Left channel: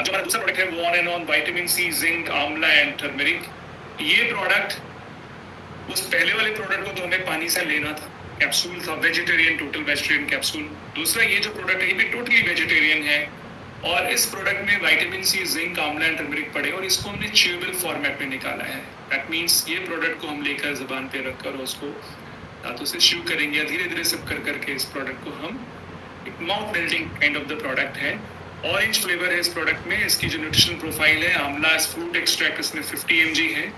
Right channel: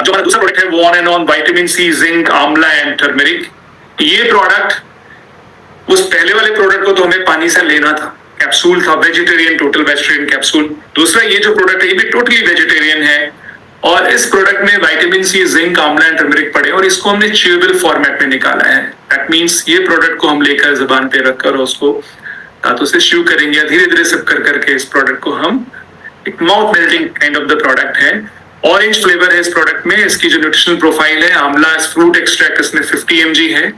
अब जो हमारा दूसरा प्रोडक्ट है वो on and on vitamin C, zinc, amla and turmeric. ये प्रोडक्ट, उस पहले वाले प्रोडक्ट को तो हमें पानी से लेना था, कैप्सूल था, वेजिटेरियन, टोटल वेजिटेरियन कैप्सूल। दूसरा ये जो प्रोडक्ट है ये भी टोटली वेजिटेरियन है, और इस प्रोडक्ट में vitamin C, zinc, amla and turmeric पड़े, और इसको हमने च्यूएबल फॉर्मेट में निकाला है। दैट मींस ये प्रोडक्ट को हम लेकर जुबान पे रखकर उसको दांतों से च्यू करेंगे, धीरे धीरे सिप कर करके इस प्रोडक्ट को हम, एक mouth melting kind of the product है। ऑरेंज फ्लेवर है इस प्रोडक्ट में। इसकी जो न्यूट्रिशनल प्रोफाइल है, आंवला फ्रूट एक्सट्रैक्ट इसमें 50 mg है,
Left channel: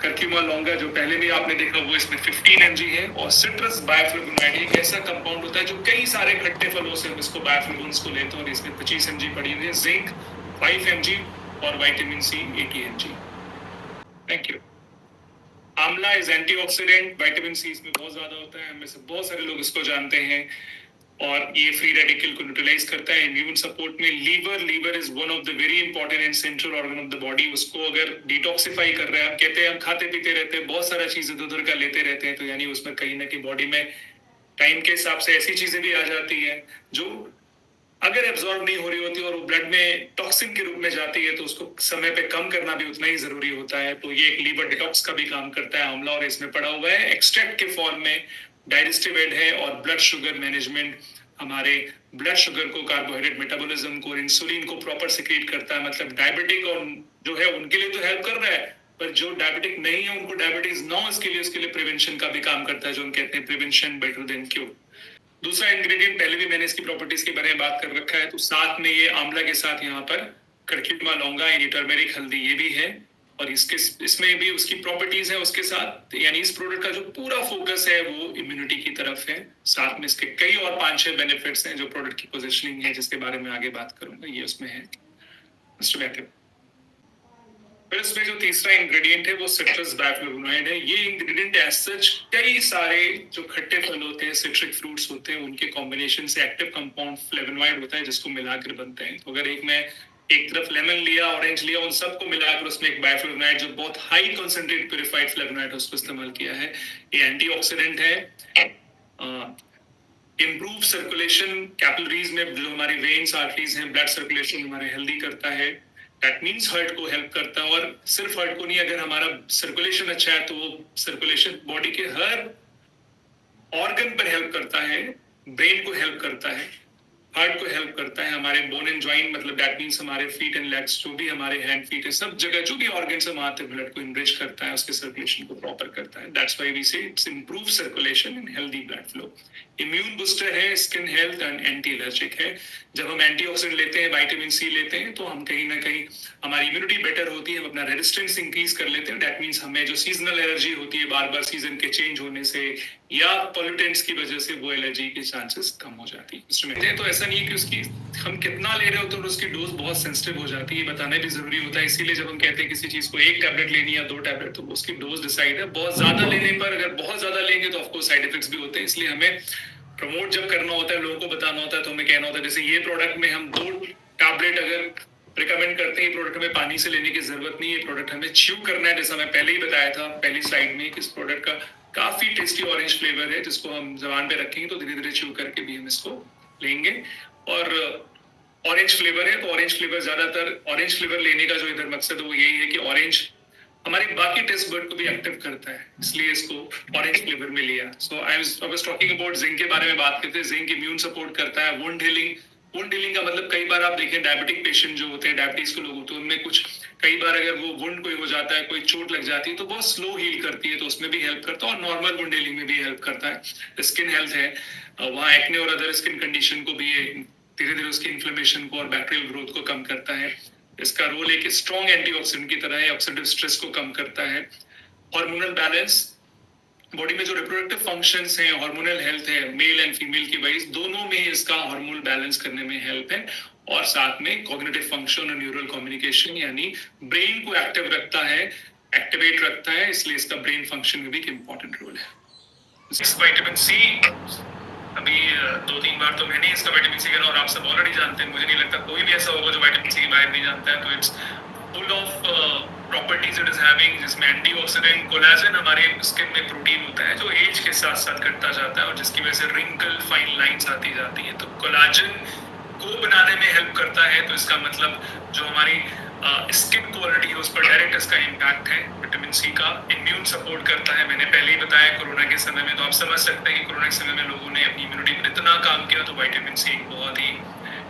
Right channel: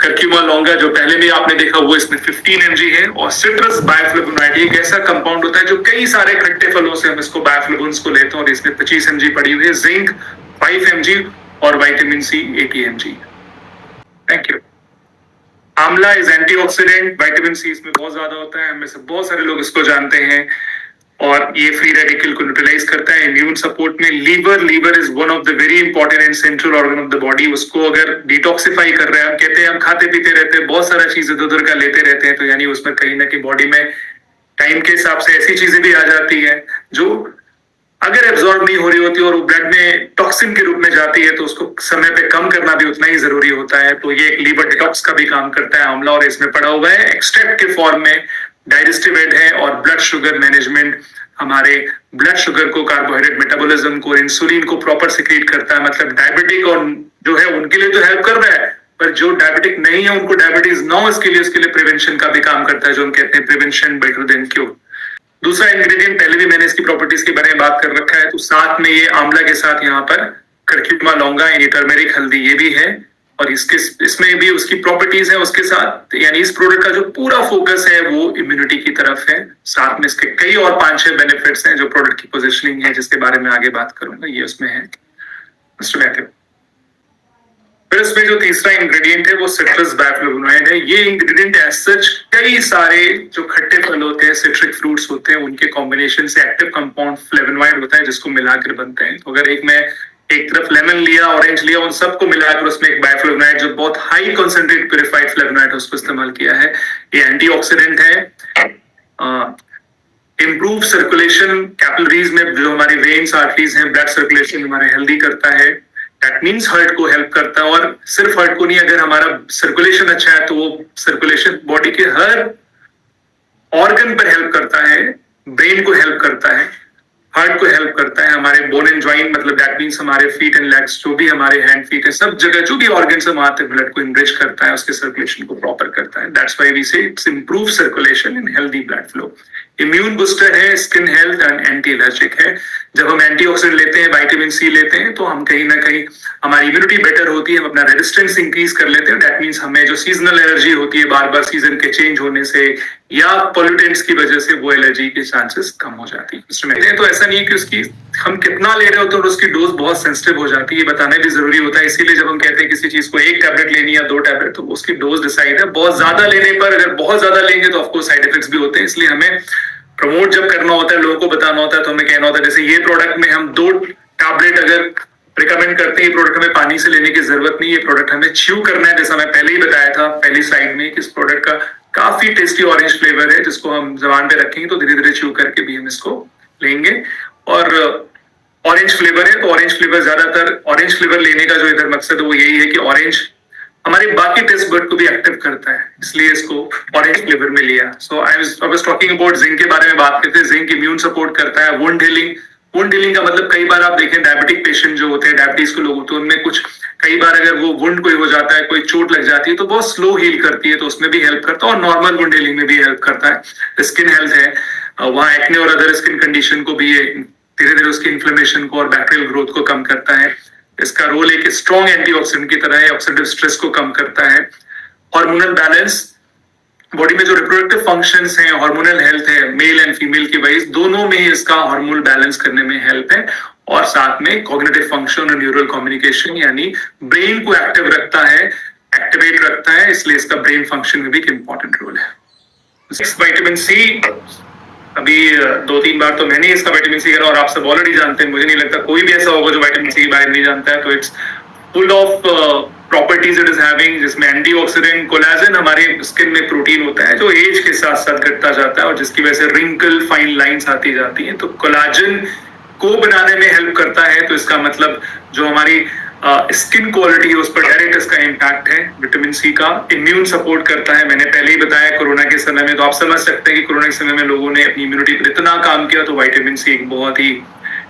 कर्क्यूमा लॉन्गा जो पहले भी आपने देखा वो इसमें 15 mg है, और सिट्रस बायोफ्लेवोनॉइड एक ऐसा कंपाउंड होता है जो कई सारे खट्टे फलों से हम इसको बायोफ्लेवोन्स को लेते हैं, और इसमें 25 mg पड़ी हुई है। जिंक 5 mg और vitamin C 80 mg। Thank you. Amla is antioxidant, vitamin C इसमें बहुत ज्यादा होता है, हमें से बहुत सारे लोग इसको जानते हैं, और ये फ्री रेडिकल को न्यूट्रलाइज करता है। इम्यून सपोर्ट में liver is one of the very important and central organ of the body. उसको अगर डिटॉक्सिफाई कर रहे हैं, हम कहते हैं हम खाते पीते रहते हैं, बहुत सारा चीज इधर उधर का लेते रहते हैं, तो यानी उसमें कहीं ना कहीं बॉडी में टाइम के हिसाब से ऐसी चीजें भी आ जाती है जो अगर एब्जॉर्ब नहीं हो रही होती और वो ब्लड में टॉक्सिन के रूप में जाती है, तो उसको समय पे कम करना भी उतना ही जरूरी होता है। तो ये एक लीवर डिटॉक्स का भी काम करता है आंवला, और इसमें पड़ा हुआ है एक्सट्रैक्ट के फॉर्म में। डाइजेस्टिव एड है, और ब्लड शुगर मैनेजमेंट, हमारे ब्लड शुगर को, कार्बोहाइड्रेट मेटाबॉलिज्म को, इंसुलिन को प्रॉपर सिक्रीट करता है। मतलब डायबिटिक और जो है उनके लिए तो हेल्प कर रहा है, पर जो डायबिटिक नहीं है उनको डायबिटीज ना हो इसके लिए, उसके लिए प्रिवेंशन का भी काम करता है, जो हम कहते हैं प्रिवेंशन बेटर देन क्योर। दूसरा इंग्रेडिएंट, पहले भी मैंने इसकी प्रॉपर्टीज के बारे में बात कर रखा है, तो साथ में ये आंवला के साथ यहाँ पर कर्क्यूमा लॉन्गा यानी टर्मेरिक हल्दी ये भी है, और इसमें भी उसकी प्रॉपर्टीज है उसके साथ। यानी इस प्रोडक्ट का जो पूरा फोकस है वो इम्यूनिटी की तरफ है। साथ में इसके कई और 5-6 बेनिफिट्स हैं जो प्रोडक्ट की पोजिशनिंग है, जिसके बारे में आगे बात करूंगा, ये उसमें है। मिस्टर मैथ्यू, फिर इसमें जो तीसरा इंग्रेडिएंट है वो सिट्रस बायोफ्लेवोनॉइड है। ये इंग्रेडिएंट एज सच कई सारे जो खट्टे फल होते हैं, सिट्रिक फ्रूट्स होते हैं, उनके कॉम्बिनेशन से एक्टिव कंपाउंड फ्लेवोनॉइड होता है, जिसको मिलाकर बनते हैं। तो अगर एक तरफ लेमन लिया, ऑरेंज लिया, उन सबको मिलाकर उसमें एक बायोफ्लेवोनॉइड जो बहुत हाई कॉन्सेंट्रेट प्यूरिफाइड फ्लेवोनॉइड है उसको इस्तेमाल किया है। ये एंटीऑक्सीडेंट है, इम्प्रूव सर्कुलेशन कैपिलरीज में, जो हमारे वेन्स आर्टरीज हैं, ब्लड सर्कुलेशन हमारे हेल्दी करता है। दैट मीन्स हार्ट को हेल्प करता है, और सिर्फ हार्ट को नहीं, अगर हमारा सर्कुलेशन अच्छा है तो वो सर्कुलेशन बॉडी के हर ऑर्गन पर हेल्प करता है। ब्रेन को हेल्प करता है, हार्ट को हेल्प करता है, हमारे बोन एंड जॉइंट, मतलब दैट मीन्स हमारे फीट एंड लेग्स, जो भी हमारे हैंड फीट है, सब जगह जो भी ऑर्गन है वहां तक ब्लड को इनरिच करता है, उसके सर्कुलेशन को प्रॉपर करता है। That's why we say it's improve circulation in healthy blood flow. Immune booster है, skin health and anti allergic है। जब हम एंटीऑक्सीडेंट लेते हैं, विटामिन सी लेते हैं, तो हम कहीं ना कहीं हमारी इम्यूनिटी बेटर होती है, हम अपना रेजिस्टेंस इंक्रीज कर लेते हैं। दैट मीन्स हमें जो सीजनल एलर्जी होती है बार बार सीजन के चेंज होने से या पॉल्यूटेंट्स की वजह से, वो एलर्जी के चांसेस कम हो जाती है। तो ऐसा नहीं है कि उसकी हम कितना ले रहे होते हैं और उसकी डोज बहुत सेंसिटिव हो जाती है, ये बताना भी जरूरी होता है। इसीलिए जब हम कहते हैं किसी चीज को 1 टैबलेट लेनी या 2 टैबलेट, तो उसकी डोज डिसाइड है। बहुत ज्यादा लेने पर, अगर बहुत ज्यादा लेंगे तो ऑफकोर्स साइड इफेक्ट्स भी होते हैं, इसलिए हमें प्रमोट जब करना होता है, लोगों को बताना होता है, तो हमें कहना होता है जैसे ये प्रोडक्ट में हम 2 टैबलेट अगर रिकमेंड करते हैं, ये प्रोडक्ट हमें पानी से लेने की जरूरत नहीं है, ये प्रोडक्ट हमें च्यू करना है। जैसा मैं पहले ही बताया था पहली स्लाइड में कि इस प्रोडक्ट का काफी टेस्टी ऑरेंज फ्लेवर है, जिसको हम जबान पे रखेंगे तो धीरे धीरे च्यू करके भी हम इसको लेंगे। और ऑरेंज फ्लेवर है, तो ऑरेंज फ्लेवर ज्यादातर, ऑरेंज फ्लेवर लेने का जो इधर मकसद है वो यही है कि ऑरेंज हमारे बाकी टेस्ट बड को भी एक्टिव करता है, इसलिए इसको ऑरेंज फ्लेवर में लिया। So I was talking about zinc के बारे में बात करते हैं। जिंक इम्यून सपोर्ट करता है, वुंड हीलिंग। वुंड हीलिंग का मतलब कई बार आप देखें डायबिटिक पेशेंट जो होते हैं, डायबिटीज के लोग होते हैं, उनमें कुछ कई बार अगर वो वुंड कोई हो जाता है, कोई चोट लग जाती है, तो बहुत स्लो हील करती है, तो उसमें भी हेल्प करता है, और नॉर्मल वुंड हीलिंग में भी हेल्प करता है। स्किन हेल्थ है, वहाँ एक्ने और अदर स्किन कंडीशन को भी धीरे धीरे उसकी इन्फ्लेमेशन को और बैक्टीरियल ग्रोथ को कम करता है। इसका रोल एक स्ट्रॉन्ग एंटीऑक्सीडेंट की तरह है, ऑक्सीडेटिव स्ट्रेस को कम करता है। हार्मोनल बैलेंस, बॉडी में जो रिप्रोडक्टिव फंक्शंस हैं, हार्मोनल हेल्थ है, मेल एंड फीमेल की वाइज दोनों में ही इसका हार्मोनल बैलेंस करने में हेल्प है। और साथ में कॉग्निटिव फंक्शन और न्यूरल कम्युनिकेशन, यानी ब्रेन को एक्टिव रखता है, एक्टिवेट रखता है, इसलिए इसका ब्रेन फंक्शन में भी एक इंपॉर्टेंट रोल है। विटामिन सी, अभी 2-3 बार तो मैंने इसका विटामिन सी करा, और आप सब ऑलरेडी जानते हैं, मुझे नहीं लगता कोई भी ऐसा होगा जो विटामिन सी के बारे में नहीं जानता है। तो it's full of properties it is having, जिसमें एंटीऑक्सीडेंट, कोलेजन, हमारे स्किन में प्रोटीन होता है जो एज के साथ साथ घटता जाता है, और जिसकी वजह से रिंकल, फाइन लाइंस आती जाती हैं। तो कोलेजन को बनाने में हेल्प करता है, तो इसका मतलब जो हमारी स्किन क्वालिटी है उस पर डायरेक्ट इसका इम्पैक्ट है। विटामिन सी का इम्यून सपोर्ट करता है, मैंने पहले ही बताया कोरोना के समय में, तो आप समझ सकते हैं कि कोरोना के समय में लोगों ने अपनी इम्यूनिटी पर इतना काम किया, तो विटामिन सी एक बहुत ही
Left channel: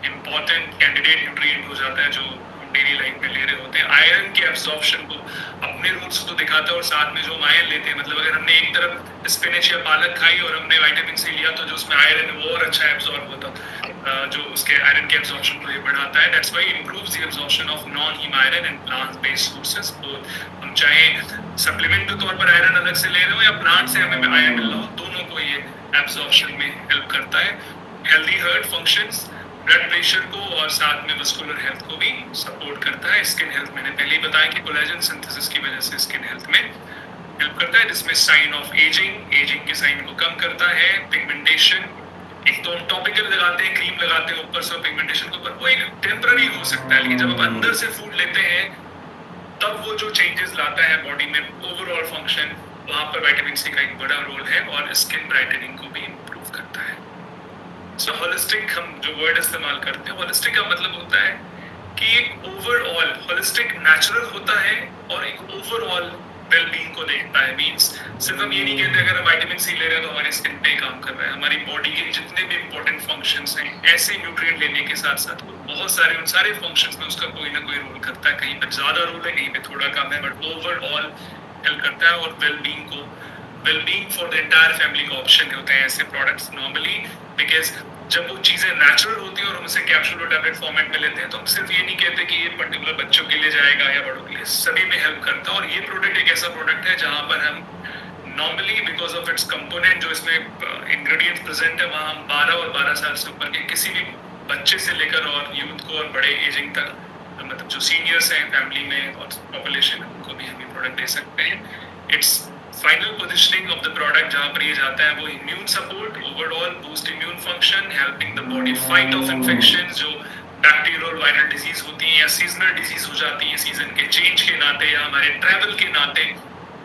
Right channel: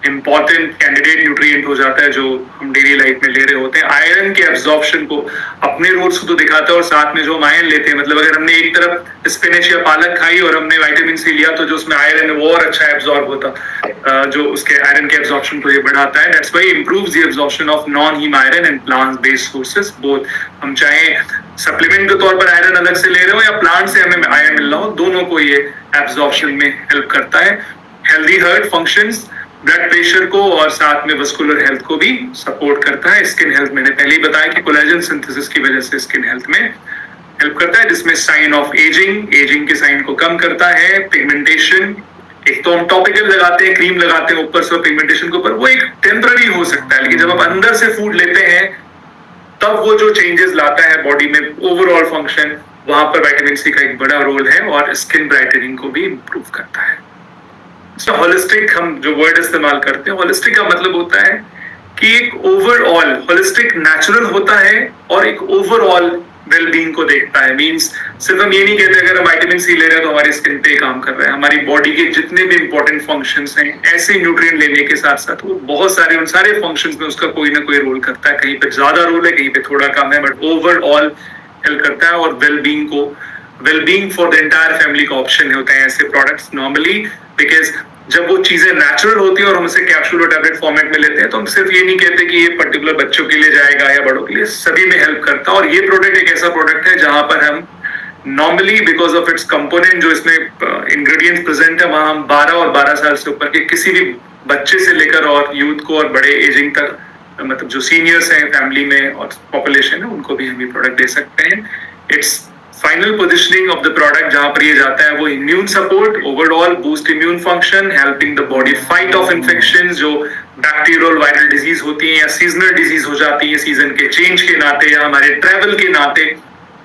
इंपॉर्टेंट कैंडिडेट न्यूट्रिएंट हो जाता है जो हम डेली लाइफ में ले रहे होते हैं। आयरन के एब्जॉर्प्शन को अपने रोल्स को तो दिखाता है, और साथ में जो हम आयरन लेते हैं, मतलब अगर हमने एक तरफ स्पिनच या पालक खाई और हमने विटामिन सी लिया, तो जो उसमें आयरन है वो और अच्छा एब्जॉर्ब होता, जो उसके आयरन के एब्जॉर्प्शन को ये बढ़ाता है। That's why improves the absorption of non haem iron and plant based sources both. हम चाहे सप्लीमेंट के तौर पर आयरन अलग से ले रहे हो या प्लांट से हमें आयरन मिल रहा हो, दोनों को ये एब्जॉर्प्शन में हेल्प करता है। Healthy heart functions blood pressure को और साथ में वस्कुलर हेल्थ को भी सपोर्ट करता है। स्किन हेल्थ मैंने पहले ही बताया कि कोलेजन सिंथेसिस की वजह से स्किन हेल्थ में हेल्प करता है, जिसमें साइन ऑफ एजिंग के साइन को कम करता है। पिगमेंटेशन, एक तो हम टॉपिकल लगाते हैं, क्रीम लगाते हैं ऊपर से पिगमेंटेशन के ऊपर, वो एक टेम्पररी हो सकता है, लेकिन जब आप अंदर से फूड लेते हैं तब वो जो चेंजेस लाता है बॉडी में ओवरऑल फंक्शन, वहां पर विटामिन सी का एक बड़ा रोल है और स्किन ब्राइटनिंग को भी इम्प्रूव करता है। होलिस्टिक हम जो वर्ड इस्तेमाल करते हैं, होलिस्टिक का मतलब होता है कि एक ओवरऑल, होलिस्टिक नेचुरल होता है और एक ओवरऑल वेलबींग को देखता है। मींस सिर्फ हम ये नहीं कहते अगर हम विटामिन सी ले रहे हैं तो हमारी स्किन पे काम कर रहा है, हमारी बॉडी के जितने भी इंपॉर्टेंट फंक्शंस हैं ऐसे न्यूट्रिएंट लेने के साथ साथ वो बहुत सारे, उन सारे फंक्शंस में उसका कोई ना कोई रोल करता है। कहीं पे ज्यादा रोल है, कहीं पे थोड़ा कम है, बट ओवरऑल हेल्प करता है। और wellbeing for the entire family का ऑप्शन होता है ऐसे प्रोडक्ट्स नॉर्मली, बिकॉज जब वो चीजें नेचुरल होती है और हम इसे कैप्सूल और टैबलेट फॉर्मेट में लेते हैं, तो हम सिर्फ ये नहीं कहते कि ये पर्टिकुलर बच्चों के लिए जाएगा या बड़ों के लिए, सभी में हेल्प करता है। और ये प्रोडक्ट एक ऐसा प्रोडक्ट है जहां पर हम normally because of its component, जो इसमें इंग्रेडिएंट्स प्रेजेंट है, वहां हम 12 और 12 साल से ऊपर के किसी भी बच्चे से लेकर और यूथ को और बड़े एजिंग तक, मतलब जो सीनियर्स हैं फैमिली में और पॉपुलेशन है, उनको भी हम ये प्रोडक्ट दे सकते हैं। It's final positioning of the product जहां पर ये जाता है वो immune support, overall boost immune function, helping the body fight of infection जो बैक्टीरियल वायरल डिजीज होती है या सीजनल डिजीज हो जाती है सीजन के चेंज के नाते या हमारे ट्रेवल के नाते,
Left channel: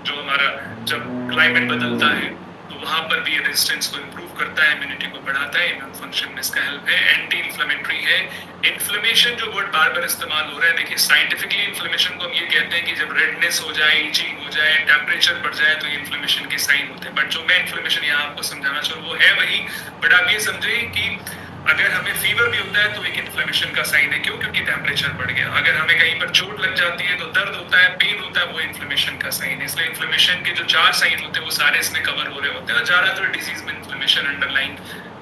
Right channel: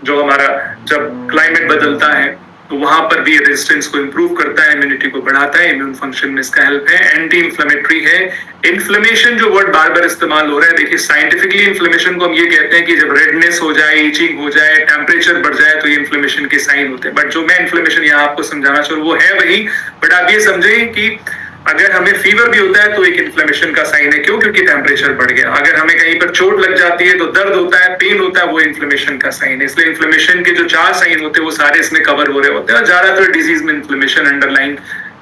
जो हमारा जब क्लाइमेट बदलता है तो वहां पर भी रेजिस्टेंस को इंप्रूव करता है, इम्यूनिटी को बढ़ाता है, इम्यून फंक्शन में इसका हेल्प है। एंटी इंफ्लेमेटरी है। इन्फ्लेमेशन जो वर्ड बार बार इस्तेमाल हो रहा है, देखिए साइंटिफिकली इन्फ्लेमेशन को हम ये कहते हैं कि जब रेडनेस हो जाए, इचिंग हो जाए, टेम्परेचर बढ़ जाए, तो ये इन्फ्लेमेशन के साइन होते हैं। बट जो मैं इन्फ्लेमेशन यहाँ आपको समझाना चाह रहा हूँ वो है वही, बट आप ये समझें कि अगर हमें फीवर भी होता है तो एक इन्फ्लेमेशन का साइन है। क्यों? क्योंकि टेम्परेचर बढ़ गया। अगर हमें कहीं पर चोट लग जाती है तो दर्द होता है, पेन होता है, वो इन्फ्लेमेशन का साइन है। इसलिए इन्फ्लेमेशन के जो 4 साइन होते हैं वो सारे इसमें कवर हो रहे होते हैं, और ज्यादातर डिजीज में इन्फ्लेमेशन अंडरलाइन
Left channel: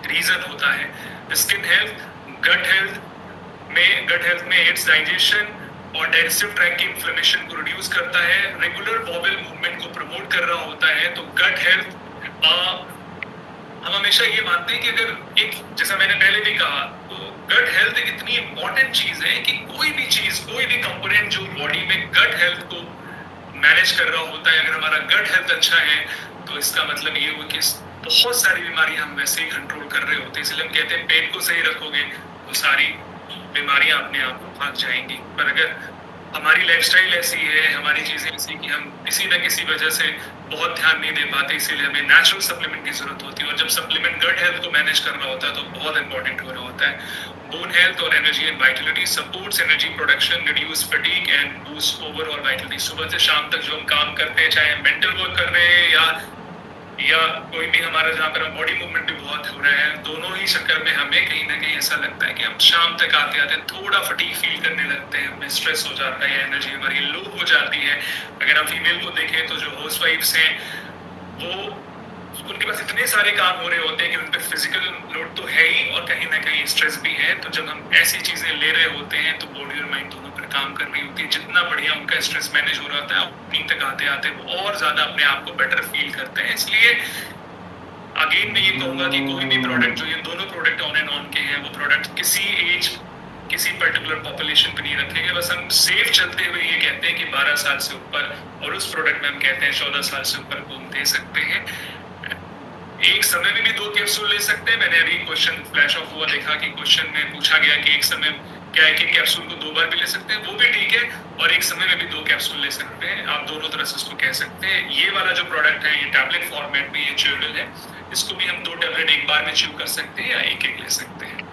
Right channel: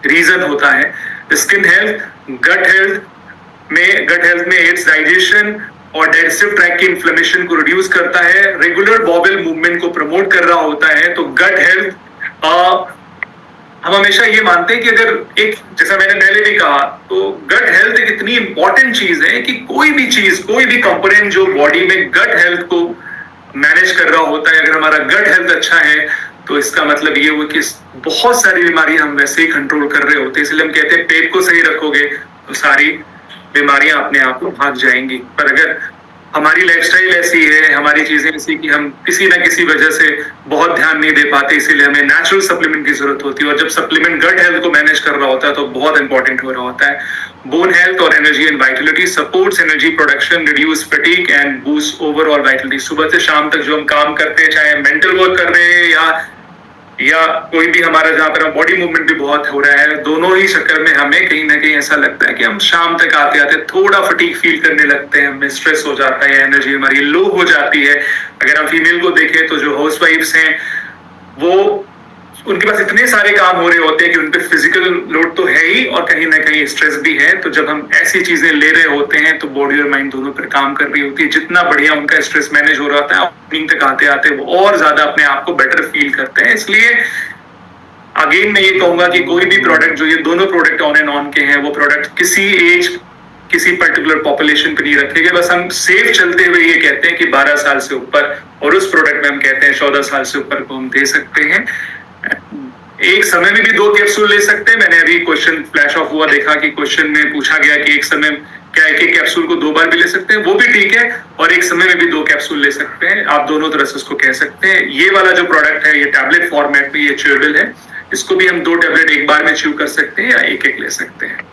रीजन होता है। स्किन हेल्थ, गट हेल्थ में एड्स डाइजेशन और डाइजेस्टिव ट्रैक्ट की इन्फ्लेमेशन को रिड्यूस करता है, रेगुलर बॉवेल मूवमेंट को प्रमोट कर रहा होता है। तो गट हेल्थ, हम हमेशा ये मानते हैं कि अगर एक, जैसा मैंने पहले भी कहा, तो गट हेल्थ एक इतनी इंपॉर्टेंट चीज है कि कोई भी चीज, कोई भी कंपोनेंट जो बॉडी में गट हेल्थ को मैनेज कर रहा होता है, अगर हमारा गट हेल्थ अच्छा है तो इसका मतलब ये हुआ कि बहुत सारी बीमारियां हम वैसे ही कंट्रोल कर रहे होते हैं। इसलिए हम कहते हैं पेट को सही रखोगे तो सारी बीमारियां अपने आप भाग जाएंगी। पर अगर हमारी लाइफस्टाइल ऐसी है, हमारी चीजें ऐसी कि हम किसी ना किसी वजह से बहुत ध्यान नहीं दे पाते, इसीलिए हमें नेचुरल सप्लीमेंट की जरूरत होती है। और जब सप्लीमेंट गट हेल्थ को मैनेज कर रहा होता है तो बहुत इंपॉर्टेंट हो रहा होता है। बोन हेल्थ और energy and Vitality, supports energy production, reduce fatigue and boost overall Vitality. सुबह से शाम तक जो हम काम करते हैं, चाहे मेंटल वर्क कर रहे हैं या कोई भी हमारा जहाँ पर बॉडी मूवमेंट भी बहुत हो रहा है, दोनों ही चक्कर में हमें कहीं ना कहीं ऐसा लगता है कि हम शाम तक आते आते थोड़ा फटीग फील करने लगते हैं, हमें स्ट्रेस हो जाता है, एनर्जी हमारी लो हो जाती है। अगर हम फीमेल को देखें तो जो हाउसवाइफ्स हैं वो, उनके पास इतने सारे काम हो रहे होते हैं कि उनपे फिजिकल लोड तो है ही और कहीं ना कहीं स्ट्रेस भी है। तो जब हम ऐसी चीजें ले रहे होते हैं तो बॉडी और माइंड दोनों पर काम कर रही होती है। जितना बढ़िया उनका स्ट्रेस मैनेज हो रहा था, अपनी तक आते आते वो और ज्यादा अपने आप को बेटर फील करते हैं। इसलिए अगेन मैं ये कहूंगा कि कोई भी प्रोडक्ट, जो ये दोनों प्रोडक्ट ऑन एंड ऑन के हैं, वो प्रोडक्ट किसी एज, किसी पर्टिकुलर पॉपुलेशन पे नहीं रखेंगे। बस हम सेफ चलते हुए ये कहते हैं कि 12 साल से ऊपर, और उस प्रोडक्ट में हम कहते हैं 14 साल से ऊपर को हम दे सकते हैं। एक समय में भी 2 कैप्सूल ले सकते हैं। मैंने अभी क्वेश्चन फ्लैश ऑफ हुआ, देखा कि क्वेश्चन में पूछा गया कि एक समय क्या एक कैप्सूल को 2 बार भी ले सकते हैं, वो भी ठीक है। और एक समय में भी 2 कैप्सूल ले सकते हैं, आप दोनों तरह से उसको कह सकते हैं। ये वाला जो प्रोडक्ट है ये टैबलेट फॉर्मेट में, ये च्यूएबल है, इसको भी हम 2 टैबलेट एक बार में च्यू कर सकते हैं या एक ले सकते हैं।